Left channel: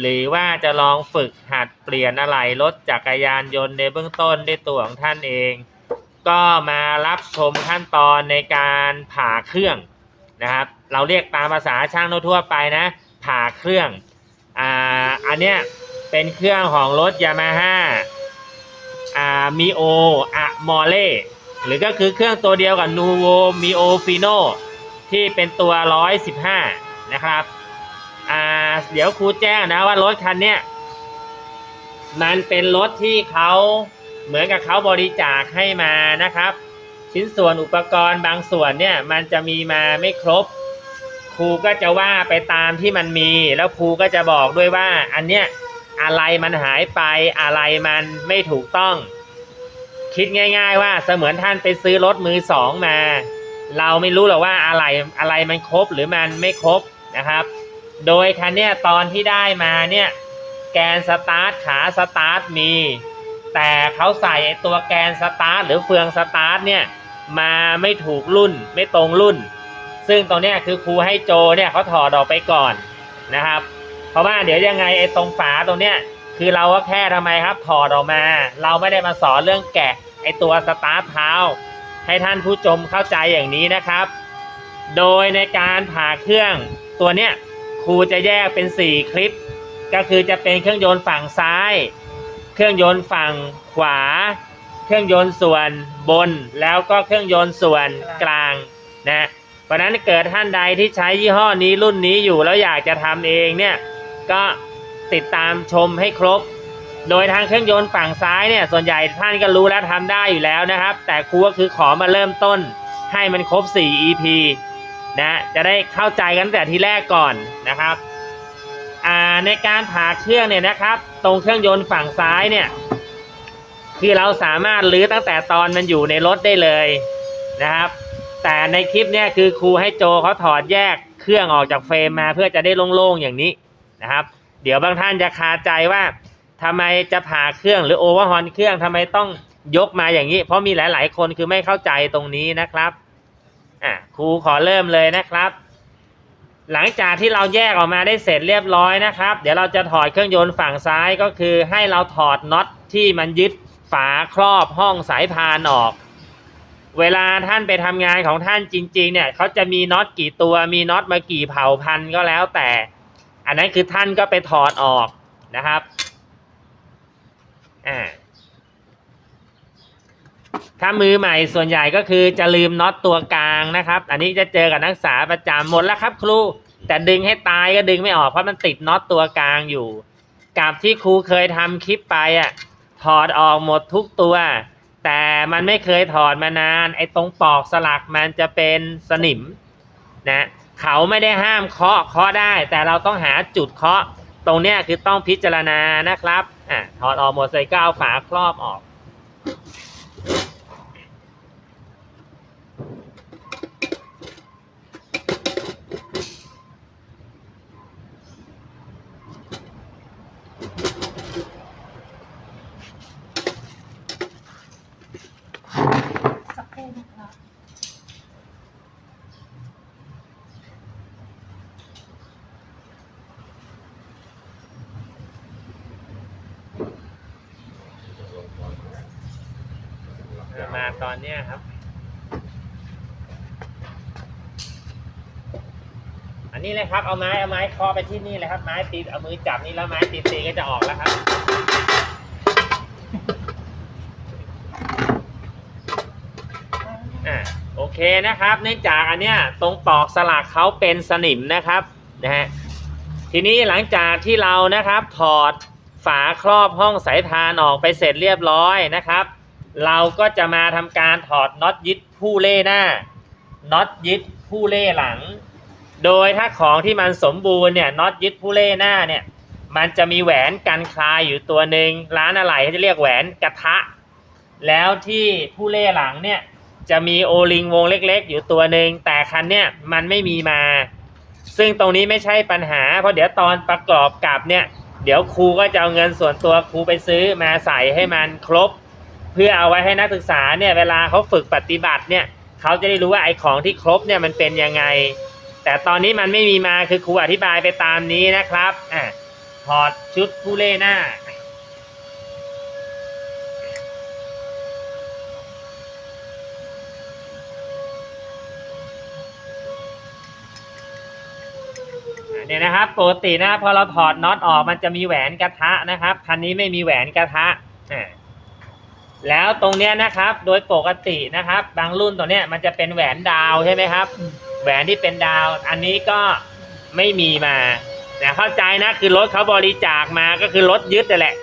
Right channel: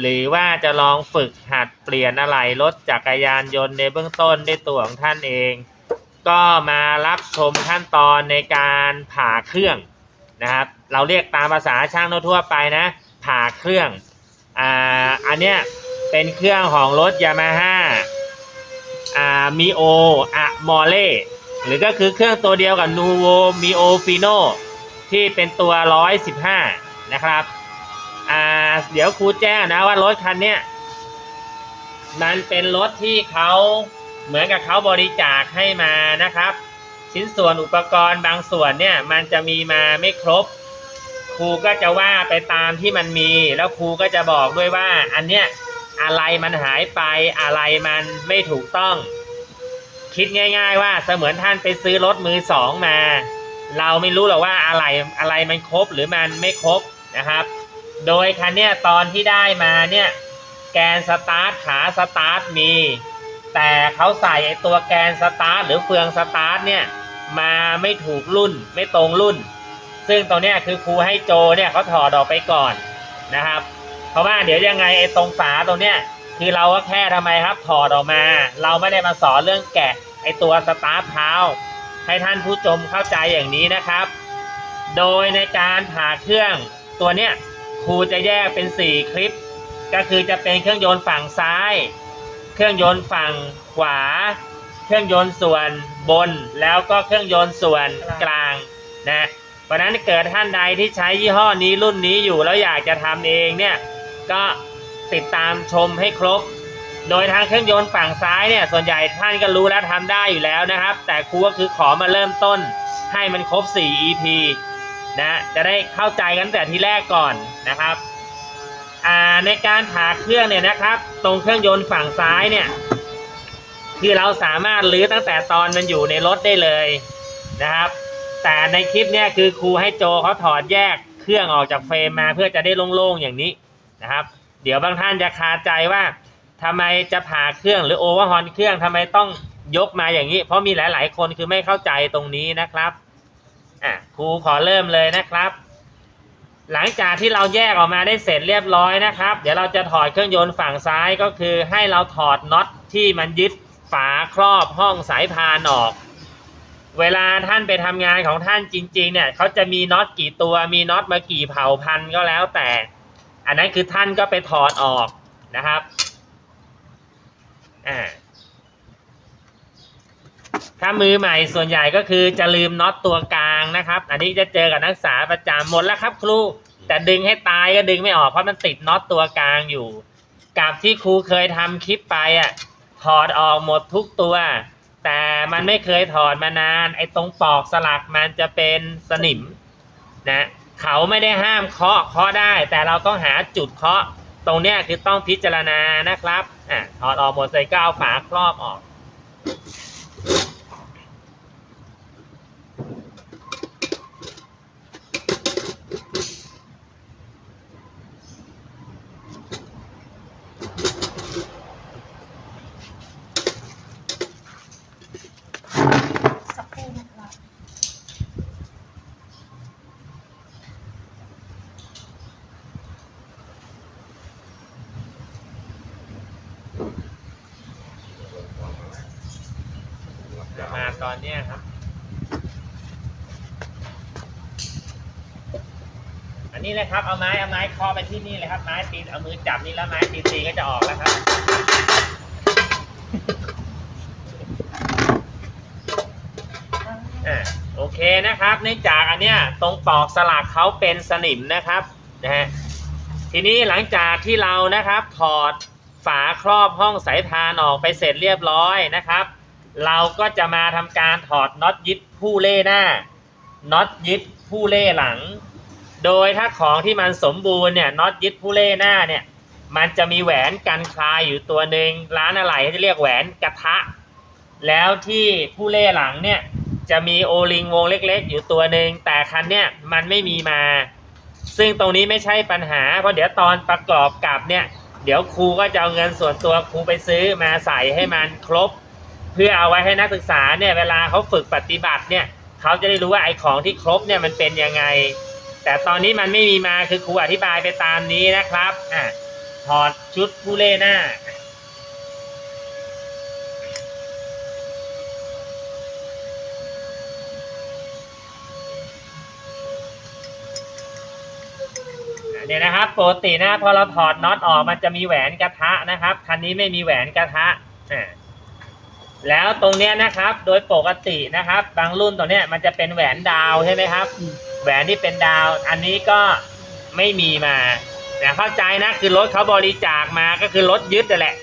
หรือว่าจะลองฝึกหัดเปลี่ยนอะไหล่รถจักรยานยนต์ในเบื้องต้นด้วยตัวของท่านเอง ก็มารับชมขั้นตอนในการผ่าเครื่องนะครับ เราเรียกตามภาษาช่างทั่วไปนะ ผ่าเครื่องอ่าอันเนี้ยเป็นเครื่องของรถยามาฮ่าอ่ามิโออะมอเล่หรือก็คือเครื่องตัวเดียวกับนูโวมิโอฟิโนที่เป็นตัว 115 นะครับ อ่า เดี๋ยวครูแจ้งนะว่ารถคันเนี้ยมันเป็นรถที่เขาเหมือนกับเขาบริจาคให้มานะครับ ชิ้นส่วนอุปกรณ์บางส่วนเนี่ย มันจะมีมาไม่ครบ ครูก็จะว่าไปตามที่มันมี แล้วครูก็จะบอกด้วยว่า อันเนี้ยอะไรมันหายไปอะไรมันไม่ถูกต้อง คิดง่าย ๆ ว่าเสมือนท่านไปซื้อรถมือสองมา เราไม่รู้หรอกว่าอะไรอะไรมันครบหรือมันไม่ครบนะครับ โดยคันเนี้ยตอนที่ได้มาเนี่ยแกนสตาร์ทขาสตาร์ทมี แต่เขาใส่ไอตัวแกนสตาร์ทหรือเฟืองสตาร์ทเนี่ยมาไม่ถูกรุ่นไม่ตรงรุ่น ซึ่งตรงเนี้ยคือครูให้โจเนี่ยเขาถอดออกไปก่อนนะครับ เพราะว่าเดี๋ยวยังไงไอ้ตรงฝาตรงเนี้ยคือเราก็แค่ทำไมครับถอดออกมา เราไม่ได้มาสอนเรื่องแกะไอ้ตัวสตาร์ทเท้าให้ท่านผู้ชมเข้าใจอย่างนี้นะครับ โดยในการผ่าเครื่องตัวเนี้ย ครูจะแยกเป็น 4 คลิป ก็คือจะเป็นเครื่องยนต์ฝั่งซ้าย เครื่องยนต์ฝั่งขวา เครื่องยนต์ส่วนบน แล้วก็เครื่องยนต์ส่วนกลางนะเพราะนั้นเกิดท่านใดที่ใช้ยี่ห้อนี้รุ่นนี้อยู่แล้วอยากจะทำเองเนี่ยก็ติดตามชมให้ครบ โดยทางเครื่องยนต์ฝั่งซ้ายเนี่ยส่วนใหญ่ท่านก็รู้และทำได้อยู่แล้วนะครับ แต่ครูก็คือขอมาเริ่มต้นให้มันครบ 4 EP นะจะได้เข้าใจกันตั้งแต่ทีแรกก่อนนะครับอ่าในการผ่าเครื่องเนี่ยนะครับ ตรงเครื่องยนต์ฝั่งซ้ายเนี่ยคือเราสามารถลื้อตั้งแต่ตอนมันอยู่ในรถได้เลยนะครับ แต่ในคลิปเนี่ยคือครูให้โจเขาถอดแยกเครื่องออกจากเฟรมมาเพื่อจะได้โล่งๆอย่างนี้นะครับ เดี๋ยวบางท่านจะคาใจว่าทำไมจะผ่าเครื่องหรือโอเวอร์ฮอนเครื่องทำไมต้องยกมาอย่างนี้ เพราะมีหลาย ๆ คนคือไม่เข้าใจตรงนี้นะครับ อะครูขอเริ่มเลยนะครับ หลังจากที่เราแยกออกมาได้เสร็จเรียบร้อยนะครับ เดี๋ยวเราจะถอดเครื่องยนต์ฝั่งซ้ายก็คือ ให้เราถอดน็อตที่มันยึดฝาครอบห้องสายพานออก เวลาท่านไปทำงานของท่านจริง ๆ เนี่ยเขาจะมีน็อตกี่ตัวมีน็อตมากี่เผ่าพันก็แล้วแต่ อันนั้นคือท่านก็ไปถอดออกนะครับอ่า ถ้ามือใหม่ส่วนใหญ่ก็คือจะลืมน็อตตัวกลางนะครับ อันนี้จะเจอกับนักศึกษาประจำหมดแล้วครับ ครู แต่ดึงให้ตายก็ดึงไม่ออกเพราะมันติดน็อตตัวกลางอยู่ กับที่ครูเคยทำคลิปไปอะถอดออกหมดทุกตัว แต่มันไม่เคยถอดมานาน ไอ้ตรงปลอกสลักมันจะเป็นสนิมนะเขาไม่ได้ห้ามเคาะเคาะได้ แต่เราต้องหาจุดเคาะ ตรงเนี้ยคือต้องพิจารณานะครับอะถอดออกหมดใส่ก้าวฝาครอบออกครู่นะครับ มาต อนเนี้ยครับ อันนี้เลยครับ เอาไม้เอาไม้เคาะไปที่นี่เลยครับ ไม้ตีเอามือจับนี่แล้วไม้ตีตีก็จะออกแล้วครับ โอเคนะครับ เนื่องจากอันเนี้ยตรงปลอกสลักเขาเป็นสนิมนะครับนะฮะ ทีนี้หลังจากที่เรานะครับ ถอดฝาครอบห้องสายพานออกไปเสร็จเรียบร้อยนะครับ เราก็จะมาทำการถอดน็อตยึดผู้เล่หน้าน็อตยึดผู้เล่หลัง โดยถ้าของที่มันสมบูรณ์เนี่ยน็อตยึดผู้เล่หน้าเนี่ยมันจะมีแหวนกันคลายอยู่ตัวหนึ่งร้านอะไรเขาจะเรียกแหวนกระทะ แล้วที่ผู้เล่หลังเนี่ยจะมีโอลิงวงเล็กๆ อยู่ตัวหนึ่งแต่คันเนี่ยมันไม่มีมา ซึ่งตรงนี้ไม่ใช่ปัญหา เพราะเดี๋ยวตอนประกอบกับเนี่ยเดี๋ยวครูก็จะเอาเงินส่วนตัวครูไปซื้อมาใส่ให้มันครบ เพื่อเอาไว้ให้นักศึกษาเนี่ยเวลาเขาฝึกปฏิบัติเนี่ยเขาจะได้รู้ว่าไอ้ของที่ครบเนี่ยมันเป็นยังไง แต่ตอนนี้มันไม่มีมาคือครูอธิบายไปตามนี้นะครับอะถอดชุดผู้เล่หน้าเนี่ยนะครับปกตินะพอเราถอดน็อตออกมันจะมีแหวนกระทะนะครับคันนี้ไม่มีแหวนกระทะอ่า แล้วตรงเนี้ยนะครับ โดยปกตินะครับ บางรุ่นตัวเนี้ยมันจะเป็นแหวนดาวใช่ไหมครับ แหวนที่เป็นดาว อันนี้ก็ไม่มีมาแต่เข้าใจนะคือรถเขาบริจาคมาก็คือรถยึดนั่แหละ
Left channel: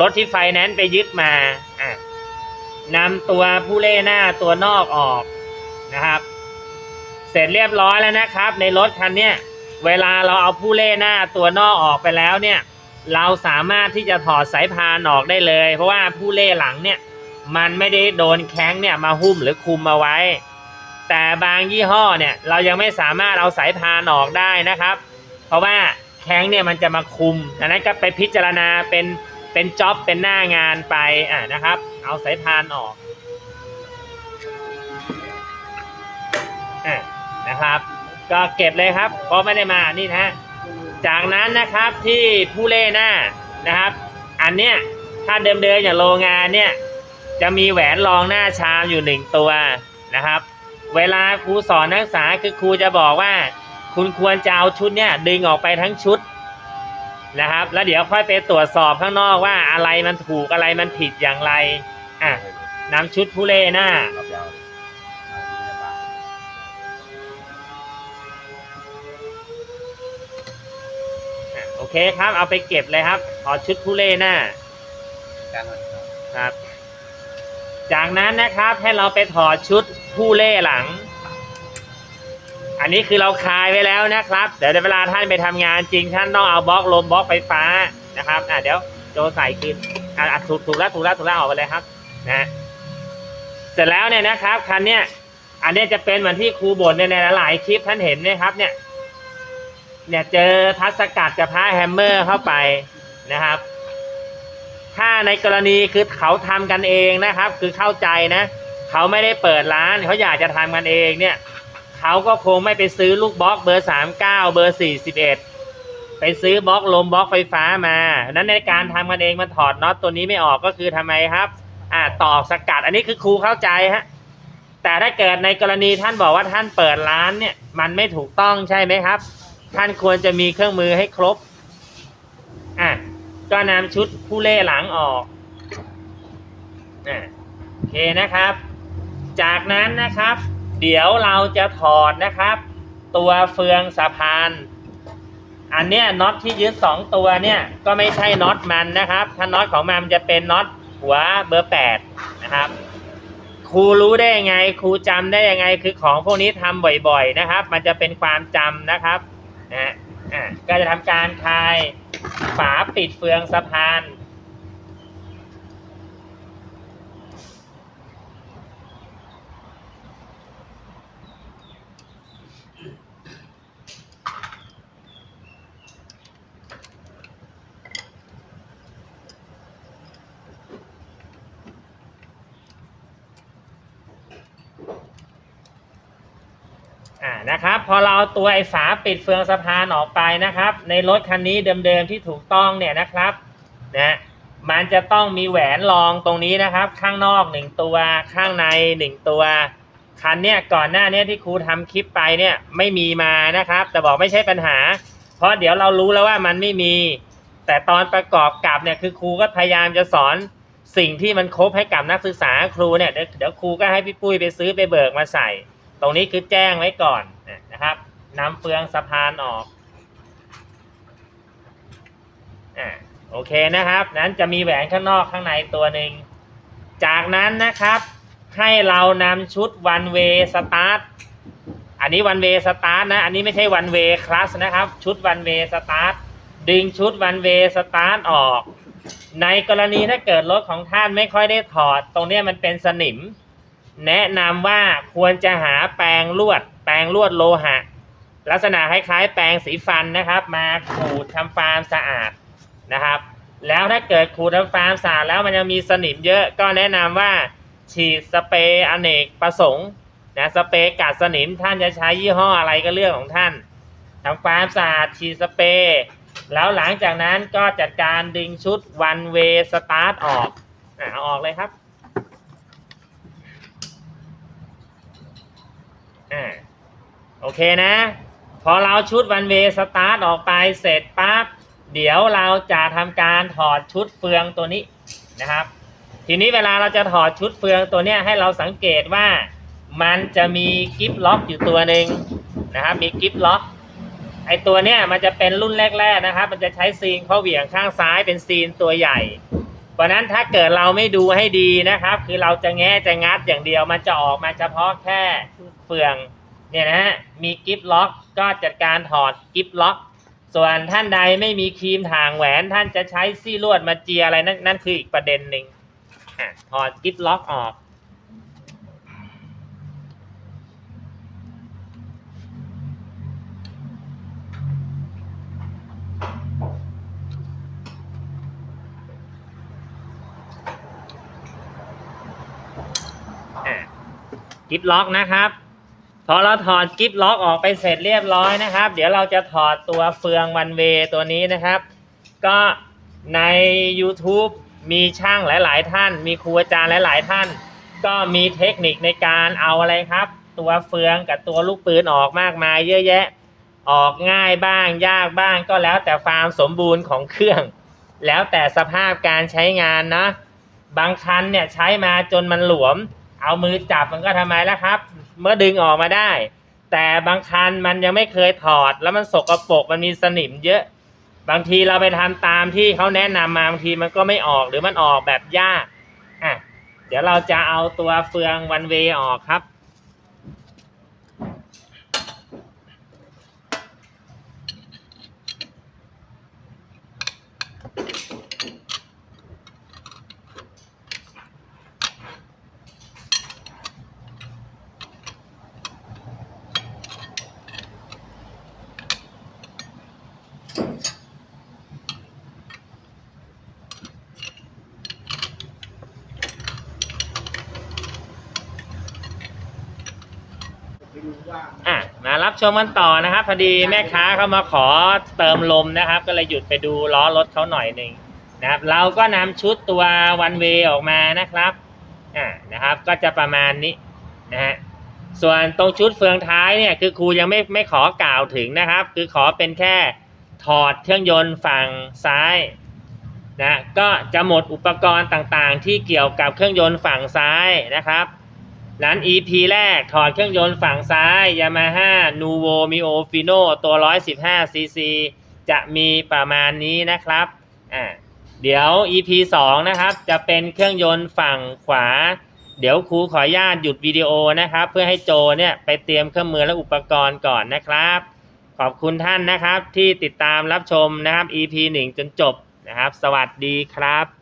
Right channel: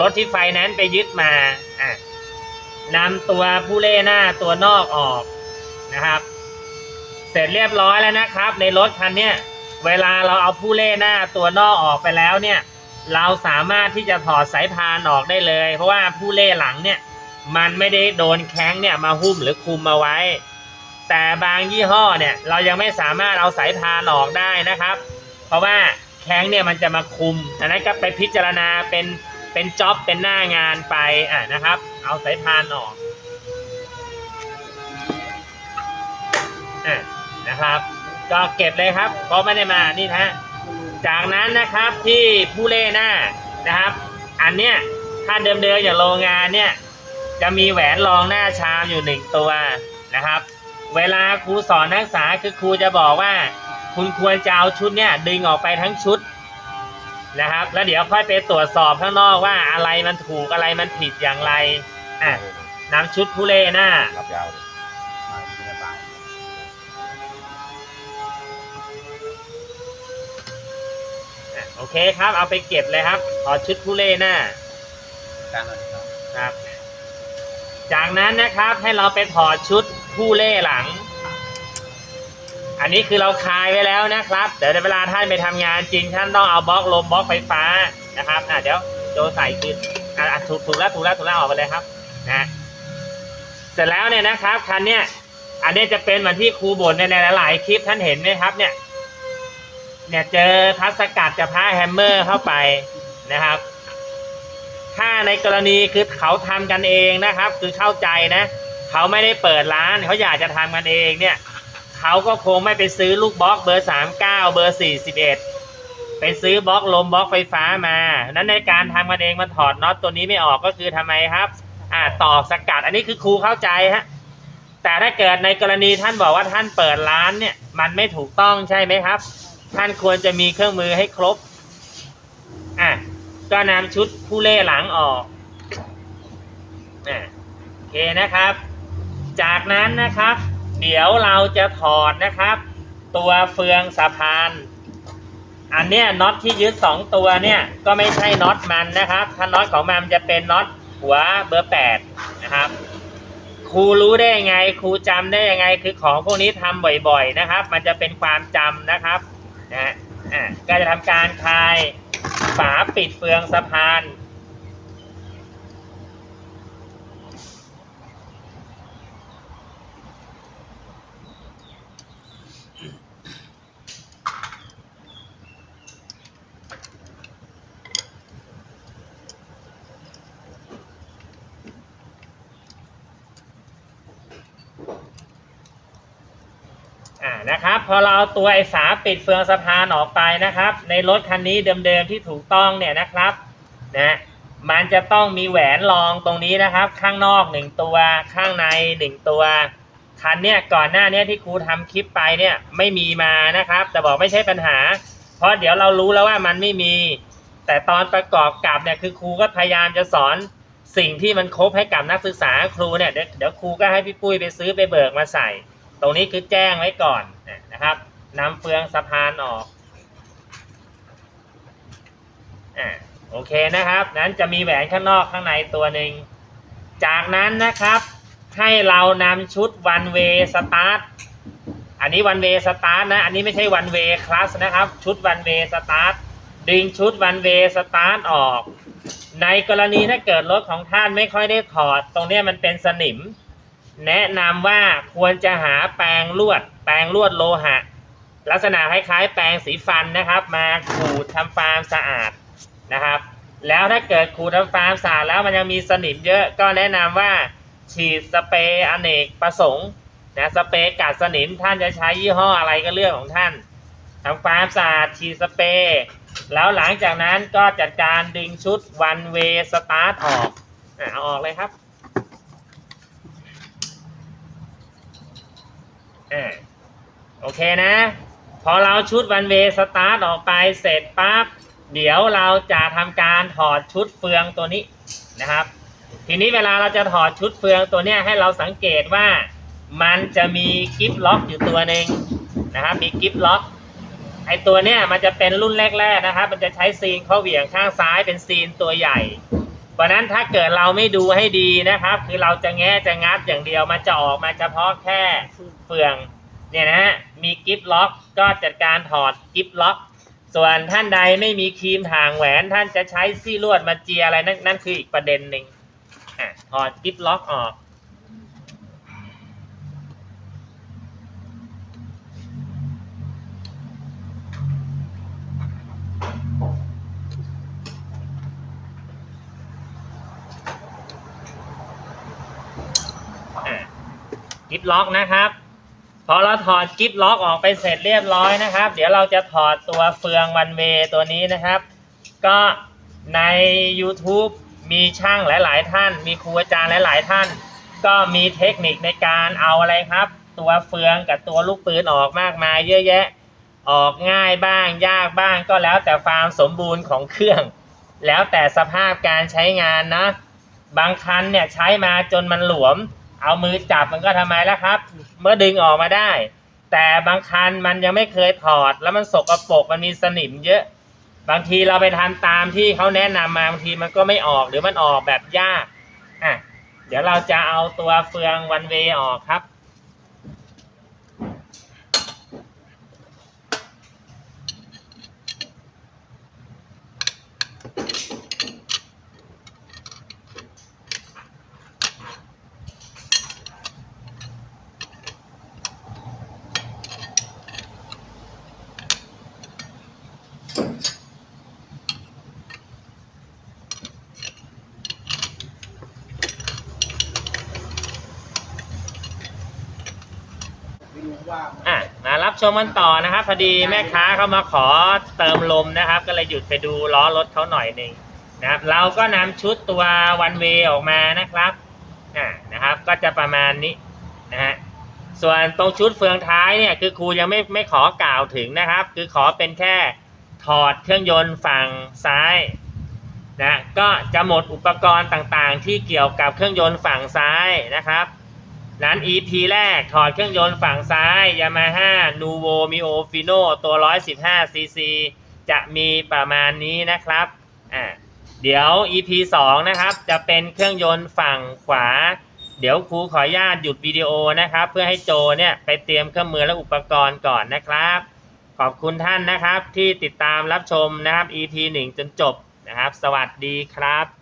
รถที่ไฟแนนซ์ไปยึดมาอะนำตัวผู้เล่หน้าตัวนอกออกนะครับ เสร็จเรียบร้อยแล้วนะครับ ในรถคันเนี้ยเวลาเราเอาผู้เล่หน้าตัวนอกออกไปแล้วเนี่ย เราสามารถที่จะถอดสายพานออกได้เลย เพราะว่าผู้เล่หลังเนี่ย มันไม่ได้โดนแข้งเนี่ยมาหุ้มหรือคุมเอาไว้ แต่บางยี่ห้อเนี่ยเรายังไม่สามารถเอาสายพานออกได้นะครับ เพราะว่าแข้งเนี่ยมันจะมาคุมอันนั้นก็ไปพิจารณาเป็นเป็นจ็อบเป็นหน้างานไปอะนะครับ เอาสายพานออกอะนะครับ ก็เก็บเลยครับเพราะไม่ได้มานี่นะฮะจากนั้นนะครับที่ผู้เล่หน้านะครับ อันเนี้ยถ้าเดิมๆอย่างโรงงานเนี่ย จะมีแหวนรองหน้าชามอยู่หนึ่งตัวนะครับ เวลาครูสอนนักศึกษาคือครูจะบอกว่า คุณควรจะเอาชุดเนี่ยดึงออกไปทั้งชุดนะครับ แล้วเดี๋ยวค่อยไปตรวจสอบข้างนอกว่าอะไรมันถูกอะไรมันผิดอย่างไรอะนำชุดผู้เล่หน้า รับยาวเลยโอเคครับ เอาไปเก็บเลยครับ ขอชุดผู้เล่หน้า ครับ จากนั้นนะครับให้เราไปถอดชุดผู้เล่หลัง อันนี้คือเราคลายไว้แล้วนะครับ เดี๋ยวเวลาท่านไปทำงานจริงท่านต้องเอาบล็อกลมบล็อกไฟฟ้านะครับอะเดี๋ยวโจใส่คืนอะอะถูกถูกแล้วถูกแล้วถูกแล้วออกไปเลยครับนะเสร็จแล้วเนี่ยนะครับคันเนี้ยอันนี้จะเป็นเหมือนที่ครูบ่นในหลายคลิปท่านเห็นไหมครับเนี่ยเนี่ยเจอทัศกัดจะพาแฮมเมอร์เข้าไปนะครับ ถ้าในกรณีคือเขาทำกันเองนะครับ คือเข้าใจนะ เขาไม่ได้เปิดร้านเขาอยากจะทำกันเองเนี่ยเขาก็คงไม่ไปซื้อลูกบล็อกเบอร์สามเก้าเบอร์สี่สิบเอ็ดไปซื้อบล็อกลมบล็อกไฟฟ้ามานั้นในการทำกันเองมันถอดน็อตตัวนี้ไม่ออกก็คือทำไมครับอ่าต่อสกัดอันนี้คือครูเข้าใจฮะแต่ถ้าเกิดในกรณีท่านบอกว่าท่านเปิดร้านเนี่ยมันไม่ถูกต้องใช่ไหมครับ ท่านควรจะมีเครื่องมือให้ครบ ก็นำชุดผู้เล่หลังออกโอเคนะครับ จากนั้นนะครับ เดี๋ยวเราจะถอดนะครับ ตัวเฟืองสะพาน อันเนี้ยน็อตที่ยึดสองตัวเนี่ยก็ไม่ใช่น็อตมันนะครับ ถ้าน็อตของมันจะเป็นน็อตหัวเบอร์แปดนะครับครูรู้ได้ยังไงครูจำได้ยังไงคือของพวกนี้ทำบ่อยๆนะครับ มันจะเป็นความจำนะครับนะ อะก็จะทำการคลายฝาปิดเฟืองสะพาน นะครับ พอเราเอาตัวไอ้ฝาปิดเฟืองสะพานออกไปนะครับ ในรถคันนี้เดิมๆที่ถูกต้องเนี่ยนะครับนะมันจะต้องมีแหวนรองตรงนี้นะครับ ข้างนอกหนึ่งตัวข้างในหนึ่งตัวคันเนี่ยก่อนหน้านี้ที่ครูทำคลิปไปเนี่ยไม่มีมานะครับ แต่บอกไม่ใช่ปัญหา เพราะเดี๋ยวเรารู้แล้วว่ามันไม่มี แต่ตอนประกอบกับเนี่ยคือครูก็พยายามจะสอนสิ่งที่มันครบให้กับนักศึกษาครูเนี่ยเดี๋ยวครูก็ให้พี่ปุ้ยไปซื้อไปเบิกมาใส่ ตรงนี้คือแจ้งไว้ก่อนนะครับนำเฟืองสะพานออกอโอเคนะครับ นั้นจะมีแหวนข้างนอกข้างในตัวหนึ่ง จากนั้นนะครับให้เรานำชุด one way start อันนี้ one way start นะ อันนี้ไม่ใช่ one way class นะครับ ชุด one way start ดึงชุด one way start ออก ในกรณีถ้าเกิดรถของท่านไม่ค่อยได้ถอด ตรงนี้มันเป็นสนิม แนะนำว่าควรจะหาแปรงลวด แปรงลวดโลหะ ลักษณะคล้ายๆแปรงสีฟันนะครับ มาขูดทำความสะอาดนะครับ แล้วถ้าเกิดขูดทำความสะอาดแล้วมันยังมีสนิมเยอะก็แนะนำว่าฉีดสเปรย์อเนกประสงค์นะสเปรย์กัดสนิมท่านจะใช้ยี่ห้ออะไรก็เรื่องของท่านทำความสะอาดฉีดสเปรย์แล้วหลังจากนั้นก็จัดการดึงชุด one way start ออกเอาออกเลยครับ อ่าโอเคนะ พอเราชุดวันเวสตาร์ทออกไปเสร็จปั๊บเดี๋ยวเราจะทำการถอดชุดเฟืองตัวนี้นะครับ ทีนี้เวลาเราจะถอดชุดเฟืองตัวเนี้ยให้เราสังเกตว่ามันจะมีกิฟล็อกอยู่ตัวหนึ่งนะครับมีกิฟล็อกไอตัวเนี้ยมันจะเป็นรุ่นแรกๆนะครับ มันจะใช้ซีนข้อเหวี่ยงข้างซ้ายเป็นซีนตัวใหญ่ เพราะนั้นถ้าเกิดเราไม่ดูให้ดีนะครับ คือเราจะแง่จะงัดอย่างเดียว มันจะออกมาเฉพาะแค่เฟืองเนี่ยนะฮะมีกิฟล็อกก็จัดการถอดกิฟล็อก ส่วนท่านใดไม่มีครีมถ่างแหวน ท่านจะใช้ซี่ลวดมาเจียอะไรนั่นนั่นคืออีกประเด็นหนึ่งถอดกิฟล็อกออก กิฟล็อกนะครับ พอเราถอดกิฟล็อกออกไปเสร็จเรียบร้อยนะครับ เดี๋ยวเราจะถอดตัวเฟืองวันเวตัวนี้นะครับ ก็ใน YouTube มีช่างหลาย ๆ ท่าน มีครูอาจารย์หลาย ๆ ท่าน ก็มีเทคนิคในการเอาอะไรครับ ตัวเฟืองกับตัวลูกปืนออกมากมายเยอะแยะ ออกง่ายบ้างยากบ้างก็แล้วแต่ความสมบูรณ์ของเครื่อง แล้วแต่สภาพการใช้งานนะ บางคันเนี่ยใช้มาจนมันหลวม เอามือจับมันก็ทำไมแล้วครับ เมื่อดึงออกมาได้ แต่บางคันมันยังไม่เคยถอด แล้วมันสกปรกมันมีสนิมเยอะ บางทีเราไปทำตามที่เขาแนะนำมาบางทีมันก็ไม่ออกหรือมันออกแบบยากอะเดี๋ยวเราจะเอาตัวเฟืองวันเวออกครับ อะมารับชมกันต่อนะครับพอดีแม่ค้าเขามาขอเติมลมนะครับ ก็เลยหยุดไปดูล้อรถเขาหน่อยหนึ่งนะครับ เราก็นำชุดตัววันเวออกมานะครับอ่านะครับ ก็จะประมาณนี้นะฮะส่วนตรงชุดเฟืองท้ายเนี่ยคือครูยังไม่ไม่ขอกล่าวถึงนะครับ คือขอเป็นแค่ถอดเครื่องยนต์ฝั่งซ้ายนะก็จะหมดอุปกรณ์ต่างๆ ที่เกี่ยวกับเครื่องยนต์ฝั่งซ้ายนะครับ นั้น EP แรกถอดเครื่องยนต์ฝั่งซ้าย Yamaha Nuvo Mio Fino ตัว 115cc จะมีประมาณนี้นะครับอ่าเดี๋ยว EP 2 นะครับ จะเป็นเครื่องยนต์ฝั่งขวา เดี๋ยวครูขออนุญาตหยุดวิดีโอนะครับ เพื่อให้โจเนี่ยไปเตรียมเครื่องมือและอุปกรณ์ก่อนนะครับ ขอบคุณท่านนะครับที่ติดตามรับชมนะครับ EP 1 จนจบนะครับ สวัสดีครับ